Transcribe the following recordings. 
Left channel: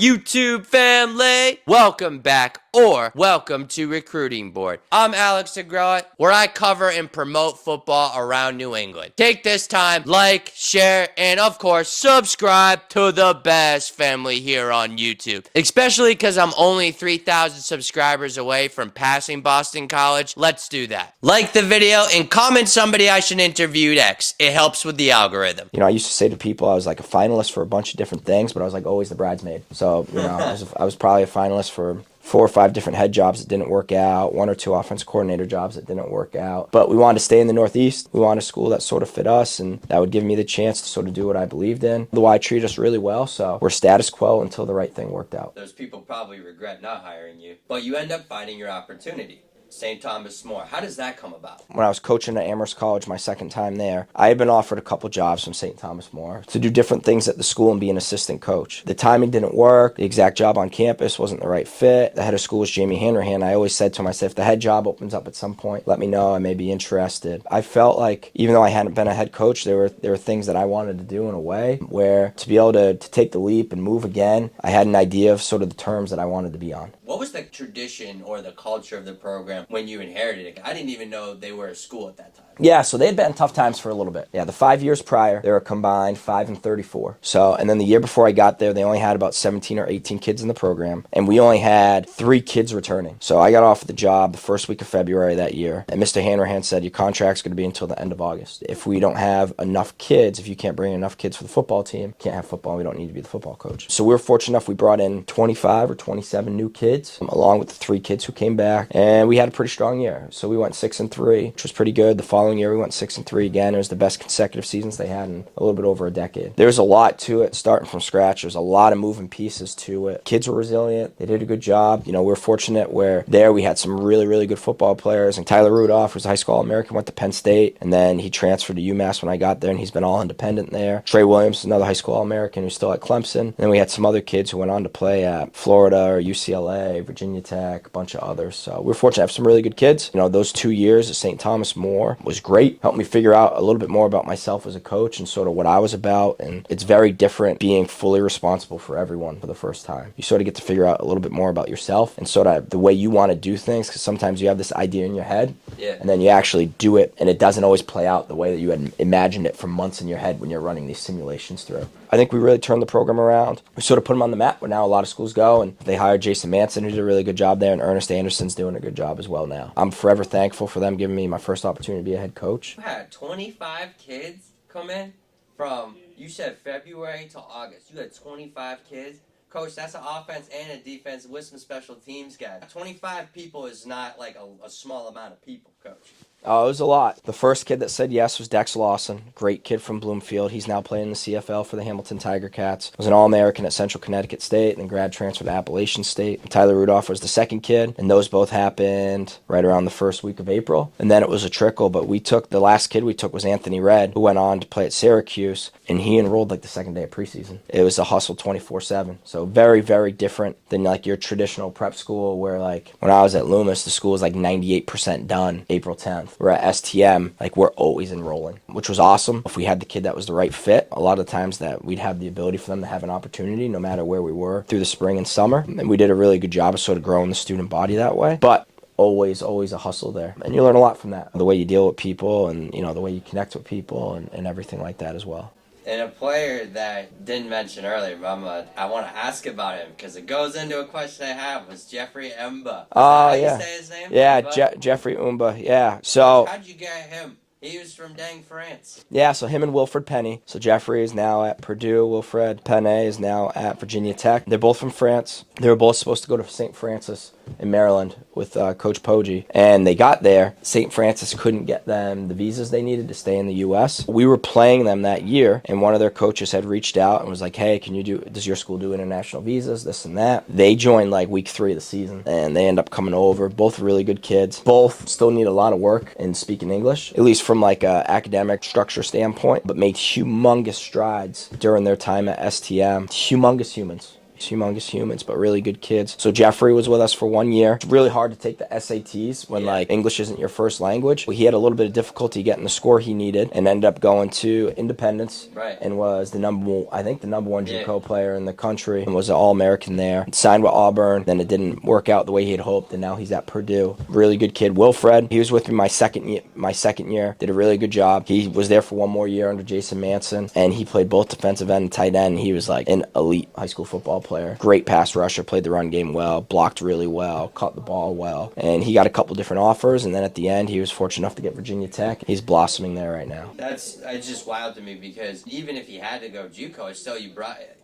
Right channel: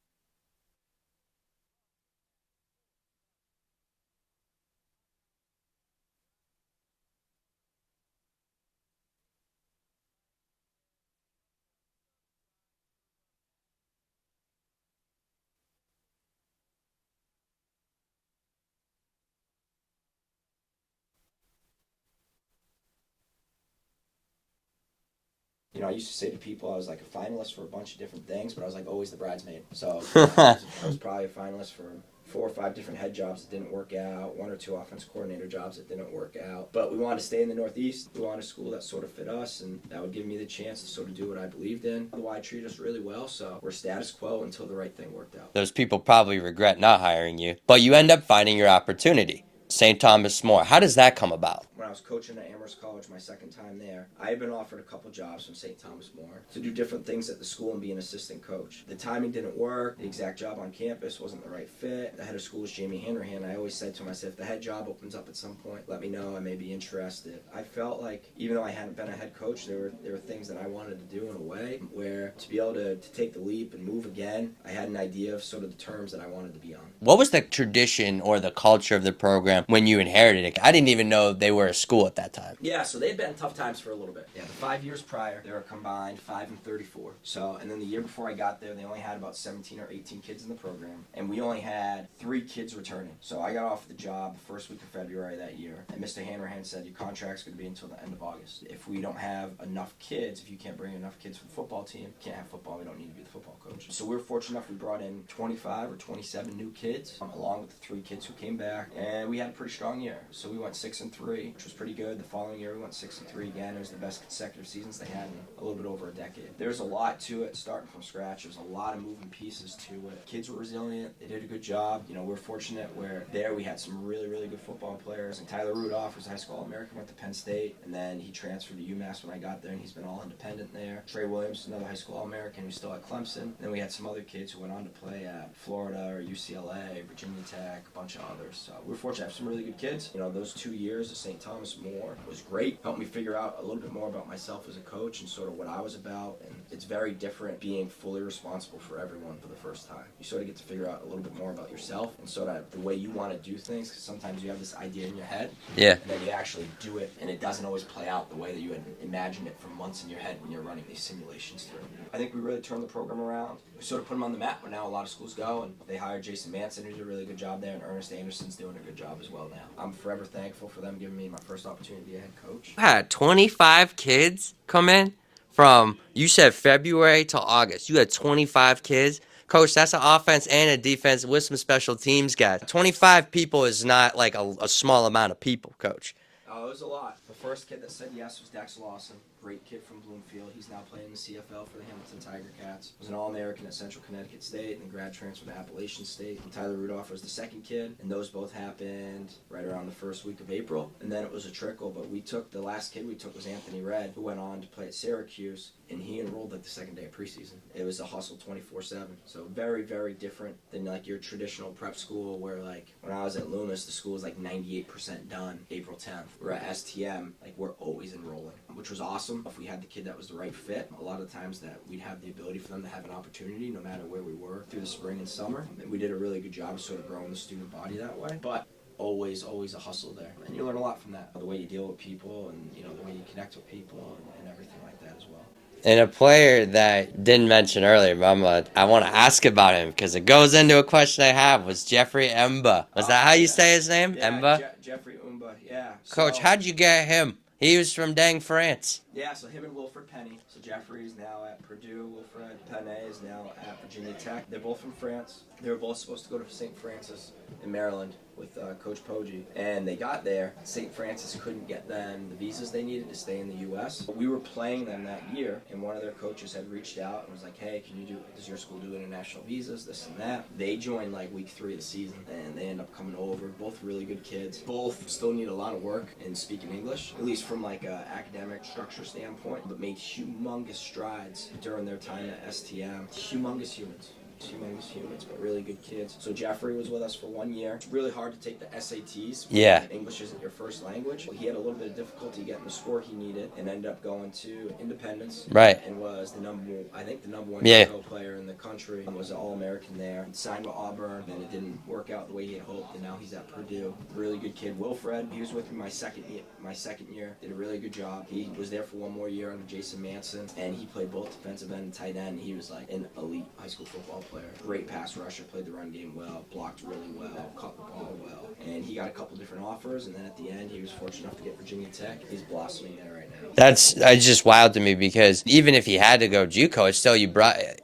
YouTube family? Welcome back, or welcome to Recruiting Board. I'm Alex DeGroat, where I cover and promote football around New England. Take this time, like, share, and of course, subscribe to the best family here on YouTube. Especially because I'm only 3,000 subscribers away from passing Boston College. Let's do that. Like the video and comment somebody I should interview next. It helps with the algorithm. I used to say to people I was like a finalist for a bunch of different things, but I was like always the bridesmaid. So, I was probably a finalist for 4 or 5 different head jobs that didn't work out, 1 or 2 offensive coordinator jobs that didn't work out. But we wanted to stay in the Northeast. We wanted a school that sort of fit us, and that would give me the chance to sort of do what I believed in. The Y treated us really well, so we're status quo until the right thing worked out. Those people probably regret not hiring you, but you end up finding your opportunity. St. Thomas More. How does that come about? When I was coaching at Amherst College my second time there, I had been offered a couple jobs from St. Thomas More to do different things at the school and be an assistant coach. The timing didn't work. The exact job on campus wasn't the right fit. The head of school was Jamie Hanrahan. I always said to him, I said, if the head job opens up at some point, let me know. I may be interested. I felt like even though I hadn't been a head coach, there were things that I wanted to do in a way where to be able to take the leap and move again, I had an idea of sort of the terms that I wanted to be on. What was the tradition or the culture of the program when you inherited it? I didn't even know they were a school at that time. Yeah, so they had been in tough times for a little bit. Yeah, the 5 years prior, they were combined 5-34. So, and then the year before I got there, they only had about 17 or 18 kids in the program, and we only had 3 kids returning. So I got off the job the first week of February that year, and Mr. Hanrahan said, your contract's going to be until the end of August. If we don't have enough kids, if you can't bring enough kids for the football team, can't have football, we don't need to be the football coach. So we were fortunate enough, we brought in 25 or 27 new kids, along with the 3 kids who came back, and we had a pretty strong year. So we went 6-3, which was pretty good. The following year we went 6-3 again. It was the best consecutive seasons they had in a little bit over a decade. There's a lot to it, starting from scratch. There's a lot of moving pieces to it. Kids were resilient. They did a good job. We were fortunate where there we had some really, really good football players. And Tyler Rudolph was a high school All-American, went to Penn State, and then he transferred to UMass when I got there, and he's been all independent there. Trey Williams, another high school All-American who's still at Clemson. And then we had some other kids who went on to play at Florida or UCLA, Virginia Tech, a bunch of others. So we're fortunate to have some really good kids. Those 2 years at St. Thomas More was great. Helped me figure out a little bit more about myself as a coach and sort of what I was about. And it's very different being fully responsible for everyone for the first time. You sort of get to figure out a little bit more about yourself and sort of the way you want to do things, because sometimes you have this idea in your head, and then you actually do it, and it doesn't always play out the way that you had imagined it for months in your head when you're running these simulations through. I think we really turned the program around. We sort of put them on the map where now a lot of schools go, and they hired Jason Manson, who did a really good job there, and Ernest Anderson's doing a good job as well now. I'm forever thankful for them giving me my first opportunity to be a head coach. I had 25 kids come in from, you said February to August. You had 25 kids. Coach, that's an offense and a defense with some special teams guys. 25 people is not like a small amount of people, Coach. Oh, it was a lot. The first kid that said yes was Dex Lawson, great kid from Bloomfield. He's now playing in the CFL for the Hamilton Tiger Cats. Was an All-American at Central Connecticut State and grad transfer to Appalachian State. Tyler Rudolph was the second kid, and those both happened right around the first week of April. And then it was a trickle, but the last kid we took was Anthony Red, who went on to play at Syracuse, and he enrolled like the second day of preseason. It was a hustle 24/7. So very, very different than like your traditional prep school where like when I was at Loomis, the school was like 98% done April 10th. We're at STM, like we're always enrolling, which was awesome. If we had the kid that was the right fit, a lot of the times that we'd have the ability for them to have an opportunity no matter where we were through the spring and summer. And we did a really good job of sort of growing the student body that way. But always a hustle there. And you learn a lot from that. The way you deal with people and, the way you connect with people and everything like that as well. And a player that didn't mention earlier, but I want to ask about him because it goes into a question I have, was Jeffrey Umba. Is that how you say his name? Yeah, Jeffrey Umba, yeah. So, Coach, how'd you get him? He was from dang France. Yeah, so him and Wilfred Penny. So Jeffrey is now at Purdue. Wilfred Penny is now at Virginia Tech. They're both from France. They were both supposed to go to St. Francis in Maryland with Coach Poggi. And they got there. St. Francis couldn't get them the visas they needed to stay in the U.S. We were playing them that year, and one of their coaches had reached out and was like, hey, does your school do international visas, this and that? They joined like week 3 of the season, and they end up coming over. Both really good kids. Both still need a lot of work in speaking English, at least from like a academic structure standpoint, but made humongous strides during their time at STM. Humongous humans. humongous humans, but really good kids. So Jeffrey was with us for 1 year. It's really hard to take the SATs when like English isn't your first language. He had a little bit of difficulty getting the score he needed and ended up going to Independence. Right. And was the number one JUCO player in the country and was an All-American there. Signed with Auburn. Then it didn't work out the way he had hoped, and now he's at Purdue. Really good kid. Wilfred, he was with me my second year. Did a really good job. He was there for 1 more year under Jason Manson, and he played both defensive end and tight end. He was like an elite high school football player. Great pass rusher, played the run game well, blocked really well, caught the ball well. And he got a couple different offers, and then at the end, he was fortunate enough to get Virginia Tech. He's blossoming there right now. That's just wild to me, because even if he had to go JUCO, it's still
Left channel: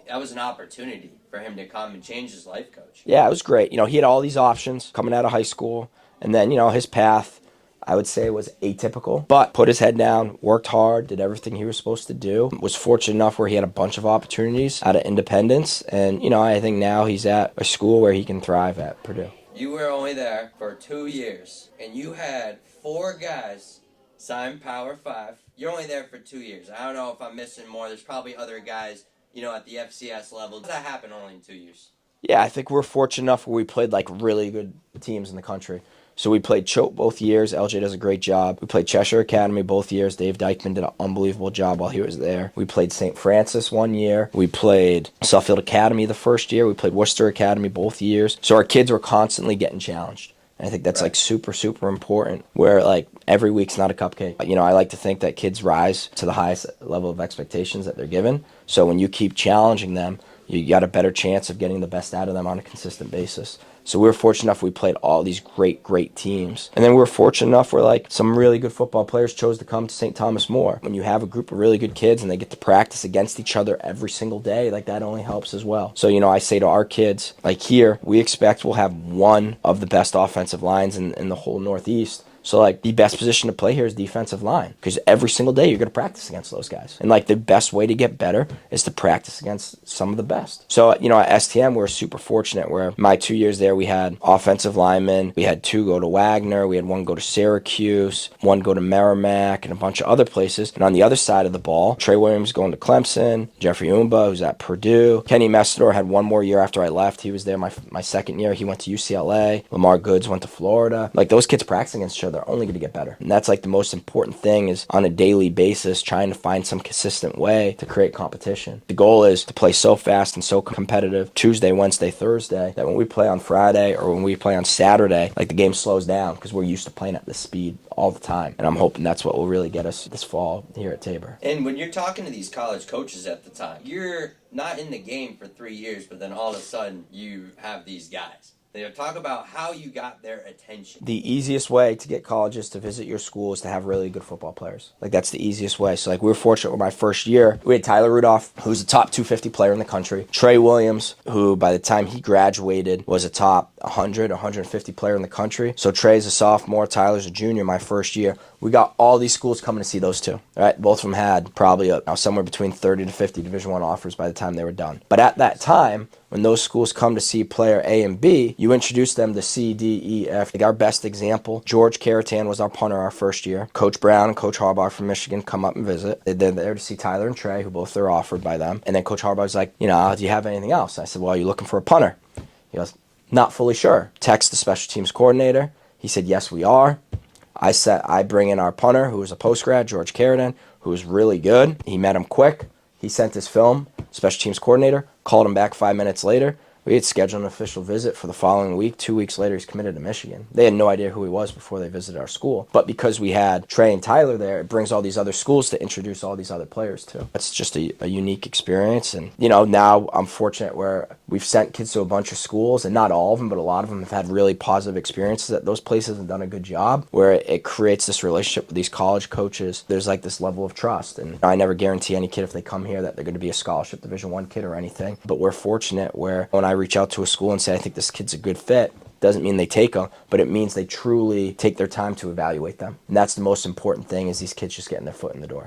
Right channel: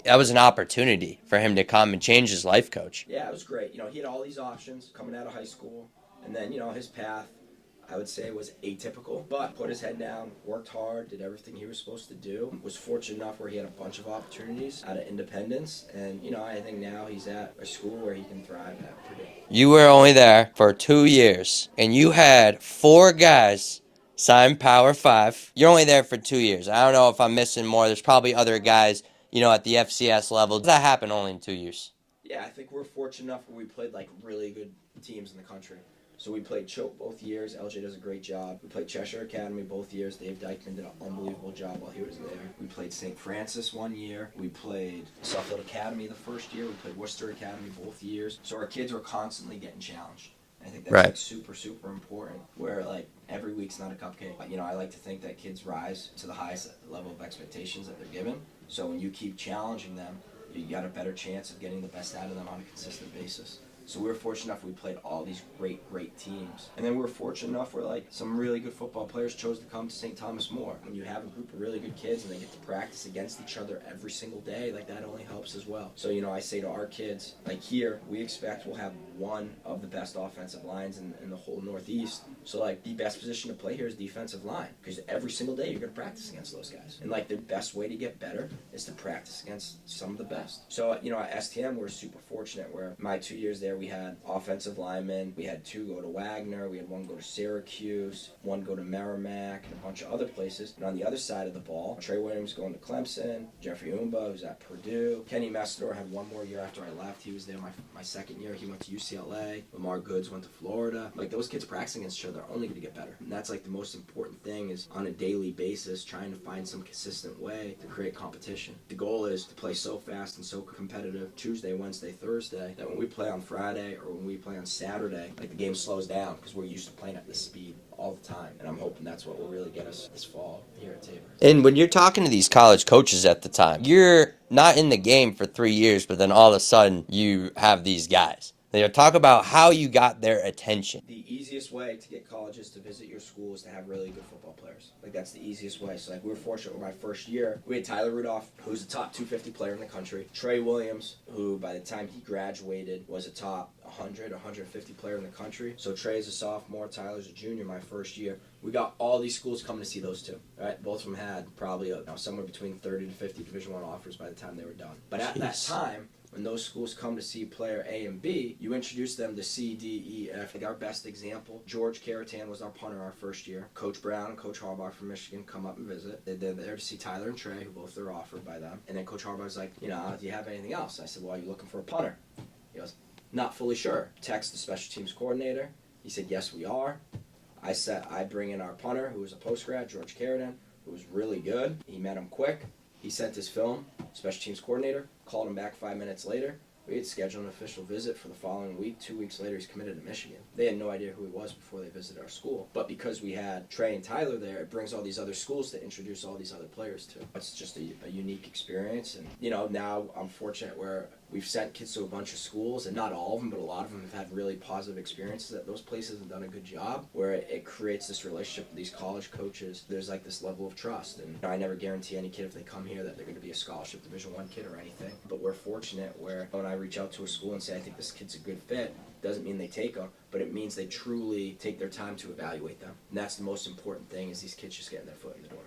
that was an opportunity for him to come and change his life coach. Yeah, it was great. He had all these options coming out of high school, and then, his path, I would say, was atypical, but put his head down, worked hard, did everything he was supposed to do, was fortunate enough where he had a bunch of opportunities out of Independence, and, I think now he's at a school where he can thrive at Purdue. You were only there for 2 years, and you had 4 guys sign Power 5. You're only there for 2 years. I don't know if I'm missing more. There's probably other guys, at the FCS level. Does that happen only in 2 years? Yeah, I think we're fortunate enough where we played, like, really good teams in the country. So we played Choate both years. LJ does a great job. We played Cheshire Academy both years. Dave Dykeman did an unbelievable job while he was there. We played St. Francis 1 year. We played Suffield Academy the first year. We played Worcester Academy both years. So our kids were constantly getting challenged. And I think that's, like, super, super important, where, like, every week's not a cupcake. I like to think that kids rise to the highest level of expectations that they're given. So when you keep challenging them, you got a better chance of getting the best out of them on a consistent basis. So we were fortunate enough we played all these great teams. And then we were fortunate enough where, like, some really good football players chose to come to St. Thomas More. When you have a group of really good kids and they get to practice against each other every single day, like, that only helps as well. So, I say to our kids, like, here, we expect we'll have one of the best offensive lines in the whole Northeast. So, like, the best position to play here is defensive line, because every single day you're going to practice against those guys. And, like, the best way to get better is to practice against some of the best. So, at STM, we were super fortunate where my 2 years there, we had offensive linemen. We had 2 go to Wagner. We had 1 go to Syracuse, 1 go to Merrimack, and a bunch of other places. And on the other side of the ball, Trey Williams going to Clemson, Jeffrey Umba, who's at Purdue. Kenny Messidor had 1 more year after I left. He was there my second year. He went to UCLA. Lamar Goods went to Florida. Like, those kids practicing against each other are only going to get better. And that's, like, the most important thing, is on a daily basis trying to find some consistent way to create competition. The goal is to play so fast and so competitive Tuesday, Wednesday, Thursday, that when we play on Friday or when we play on Saturday, like, the game slows down because we're used to playing at this speed all the time. And I'm hoping that's what will really get us this fall here at Tabor. And when you're talking to these college coaches at the time, you're not in the game for 3 years, but then all of a sudden you have these guys. Talk about how you got their attention. The easiest way to get colleges to visit your school is to have really good football players. Like, that's the easiest way. So, like, we were fortunate with my first year. We had Tyler Rudolph, who's a top 250 player in the country. Trey Williams, who by the time he graduated was a top 100, 150 player in the country. So Trey's a sophomore, Tyler's a junior my first year. We got all these schools coming to see those two. Right? Both of them had probably somewhere between 30 to 50 Division I offers by the time they were done. But at that time, when those schools come to see player A and B, you introduce them to C, D, E, F. Like, our best example, George Caratan was our punter our first year. Coach Brown and Coach Harbaugh from Michigan come up and visit. They're there to see Tyler and Trey, who both are offered by them. And then Coach Harbaugh's like, do you have anything else? I said, well, are you looking for a punter? He goes, not fully sure. Text the special teams coordinator. He said, yes, we are. I bring in our punter, who was a post-grad, George Caratan, who was really good. He met him quick. He sent his film, special teams coordinator, called him back 5 minutes later. We had scheduled an official visit for the following week. 2 weeks later, he's committed to Michigan. They had no idea who he was before they visited our school. But because we had Trey and Tyler there, it brings all these other schools to introduce all these other players to. That's just a unique experience. And, now I'm fortunate where we've sent kids to a bunch of schools, and not all of them, but a lot of them have had really positive experiences at those places and done a good job, where it creates this relationship with these college coaches. There's, like, this level of trust. And I never guarantee any kid, if they come here, that they're going to be a scholarship Division I kid or anything. But we're fortunate where when I reach out to a school and say, I think this kid's a good fit, doesn't mean they take them, but it means they truly take their time to evaluate them. And that's the most important thing, is these kids just getting their foot in the door.